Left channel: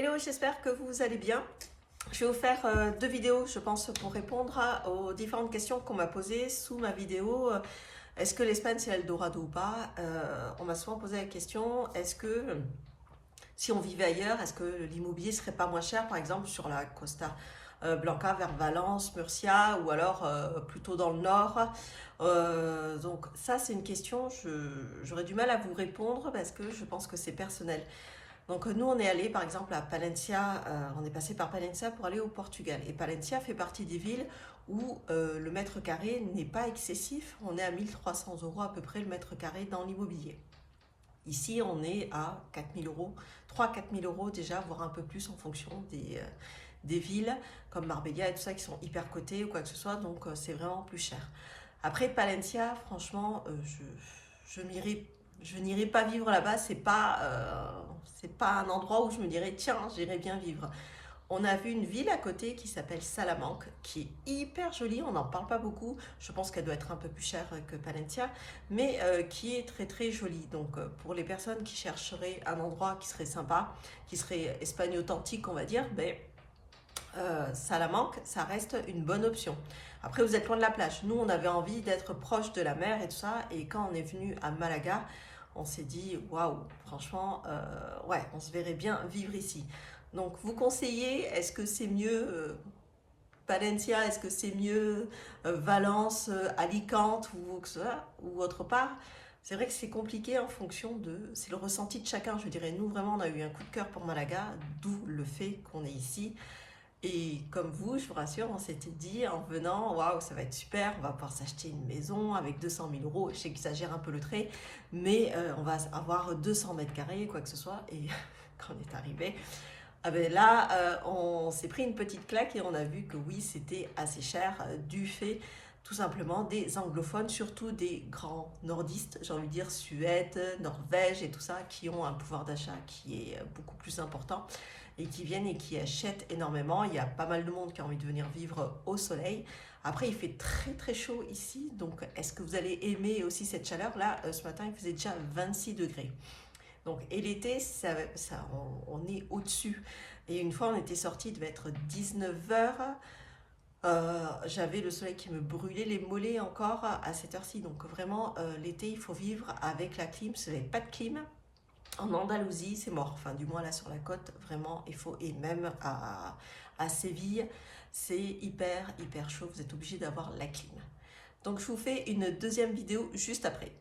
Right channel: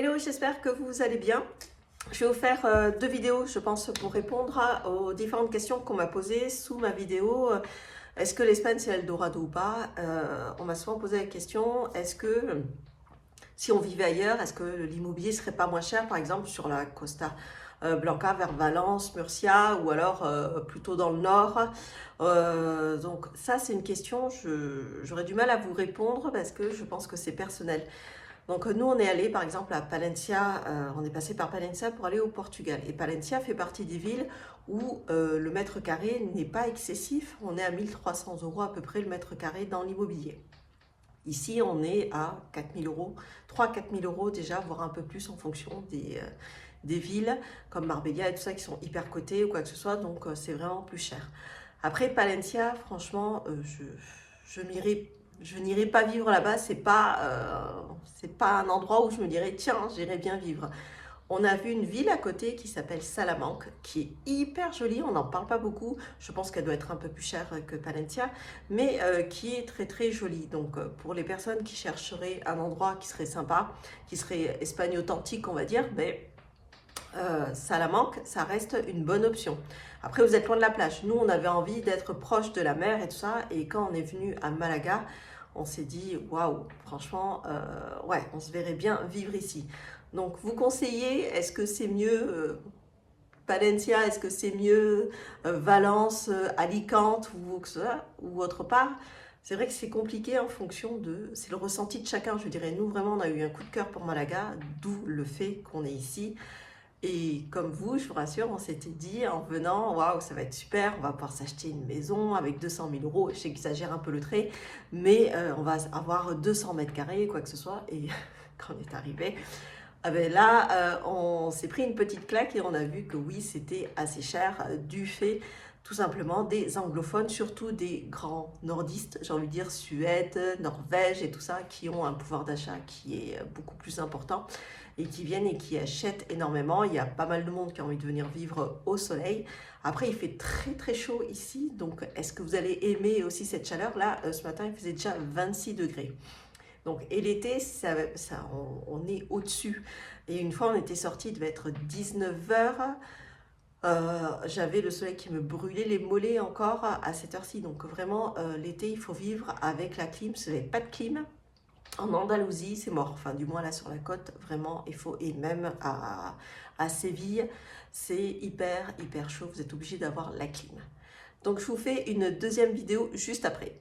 Hello, j'espère que vous allez bien. Je vais vous faire deux vidéos, je pense, pour répondre aux différentes questions qu'on m'a posées sous ma vidéo. Est-ce que l'Espagne c'est Eldorado ou pas? On m'a souvent posé la question, est-ce que si on vivait ailleurs, est-ce que l'immobilier serait pas moins cher, par exemple sur la Costa Blanca vers Valence, Murcia, ou alors plutôt dans le nord? Donc ça c'est une question, j'aurais du mal à vous répondre parce que je pense que c'est personnel. Donc nous on est allé par exemple à Palencia, on est passé par Palencia pour aller au Portugal. Et Palencia fait partie des villes où le mètre carré n'est pas excessif. On est à 1300 € à peu près le mètre carré dans l'immobilier. Ici on est à 4000 euros, 3-4 000 euros déjà, voire un peu plus en fonction des villes comme Marbella et tout ça qui sont hyper cotées ou quoi que ce soit. Donc c'est vraiment plus cher. Après Palencia, franchement, je n'irai pas vivre là-bas. C'est pas un endroit où je me dirais tiens, j'irai bien vivre. On a vu une ville à côté qui s'appelle Salamanque, qui est hyper jolie. On n'en parle pas beaucoup. Je pense qu'elle doit être un peu plus chère que Palencia, mais qui est très très jolie. Donc pour les personnes qui chercheraient un endroit qui serait sympa, qui serait Espagne authentique, on va dire, mais Salamanque, ça reste une bonne option. Après, vous êtes loin de la plage. Nous, on avait envie d'être proche de la mer et tout ça. Et quand on est venu à Malaga, on s'est dit, waouh, franchement, ouais, on se verrait bien vivre ici. Donc, vous conseillez, est-ce que c'est mieux Palencia, est-ce que c'est mieux Valence, Alicante ou autre part? C'est vrai que c'est compliqué en fonction de... C'est le ressenti de chacun, je dirais. Nous, vraiment, on a eu un coup de cœur pour Malaga, d'où le fait qu'on est ici. Et comme vous, je vous rassure, on s'était dit en venant, waouh, ça va être super, on va pouvoir s'acheter une maison avec 200 000 euros. Je sais que j'exagère un peu le trait, mais on va avoir 200 mètres carrés, quoi que ce soit. Et quand on est arrivé, ah ben là, on s'est pris une petite claque et on a vu que oui, c'était assez cher du fait tout simplement des anglophones, surtout des grands nordistes, j'ai envie de dire Suède, Norvège et tout ça, qui ont un pouvoir d'achat qui est beaucoup plus important et qui viennent et qui achètent énormément. Il y a pas mal de monde qui a envie de venir vivre au soleil. Après, il fait très très chaud ici, donc est-ce que vous allez aimer aussi cette chaleur? Là, ce matin, il faisait déjà 26 degrés. Donc, et l'été, on est au-dessus. Et une fois, on était sorti, il devait être 19 h. J'avais le soleil qui me brûlait les mollets encore à cette heure-ci. Donc vraiment, l'été, il faut vivre avec la clim. Si vous n'avez pas de clim, en Andalousie, c'est mort. Enfin, du moins là sur la côte, vraiment, il faut. Et même à Séville, c'est hyper, hyper chaud. Vous êtes obligé d'avoir la clim. Donc, je vous fais une deuxième vidéo juste après.